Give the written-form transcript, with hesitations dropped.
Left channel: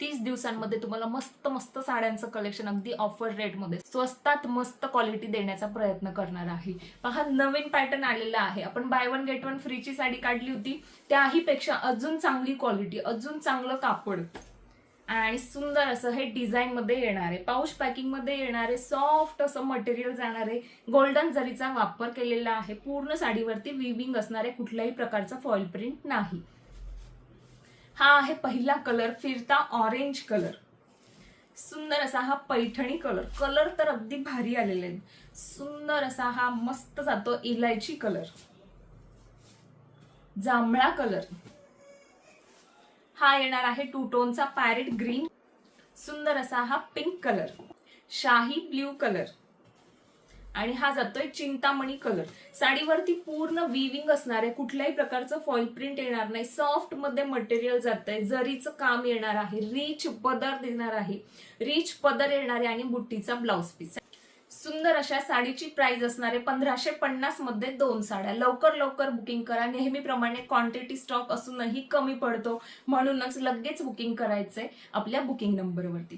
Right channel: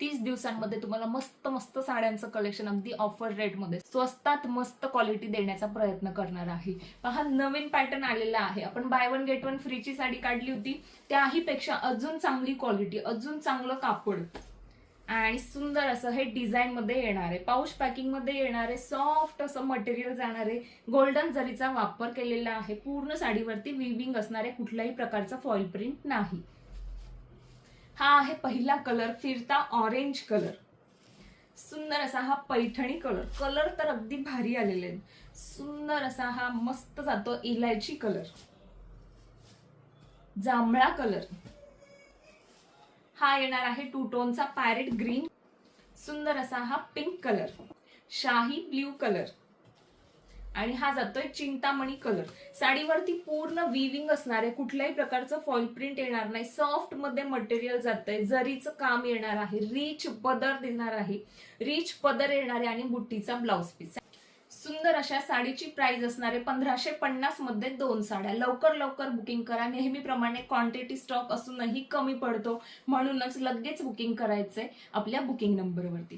30 दिवसांमध्ये तुम्हाला मस्त मस्त साड्यांचं कलेक्शन अगदी ऑफर रेटमध्ये स्वस्तात मस्त क्वालिटी देण्याचा प्रयत्न करणार आहे. हा नवीन पॅटर्न आलेला आहे. आपण बाय वन गेट वन फ्रीची साडी काढली होती, त्याही पेक्षा अजून चांगली क्वालिटी, अजून चांगलं कापड आणि सुंदर असं हे डिझाईन मध्ये येणार आहे. पाऊच पॅकिंग मध्ये येणार आहे. सॉफ्ट असं मटेरियल जाणार आहे. गोल्डन जरीचा वापर केलेला आहे. पूर्ण साडीवरती विविंग असणार आहे. कुठल्याही प्रकारचा फॉईल प्रिंट नाही. हा आहे पहिला कलर, फिरता ऑरेंज कलर. सुंदर असा हा पैठणी कलर. कलर तर अगदी भारी आलेले आहेत. सुंदर असा हा मस्त जातो इलायची कलर, जांभळा कलर. हा येणार आहे टू टोनचा पॅरेट ग्रीन. सुंदर असा हा पिंक कलर, शाही ब्ल्यू कलर आणि हा जातोय चिंतामणी कलर. साडीवरती पूर्ण विविंग असणार आहे. कुठल्याही प्रकारचं फॉईल प्रिंट येणार नाही. सॉफ्ट मध्ये मटेरियल जातंय. जरीचं काम येणार आहे. रिच पदर देणार आहे. रिच पदर येणार आहे आणि बुट्टीचा ब्लाउज पीस. सुंदर अशा साडीची प्राइस असणार आहे 1550 मध्ये 2 साड्या. लवकर लवकर बुकिंग करा. नेहमीप्रमाणे क्वांटिटी स्टॉक असूनही कमी पडतो, म्हणूनच लगेच बुकिंग करायचंय आपल्या बुकिंग नंबरवरती.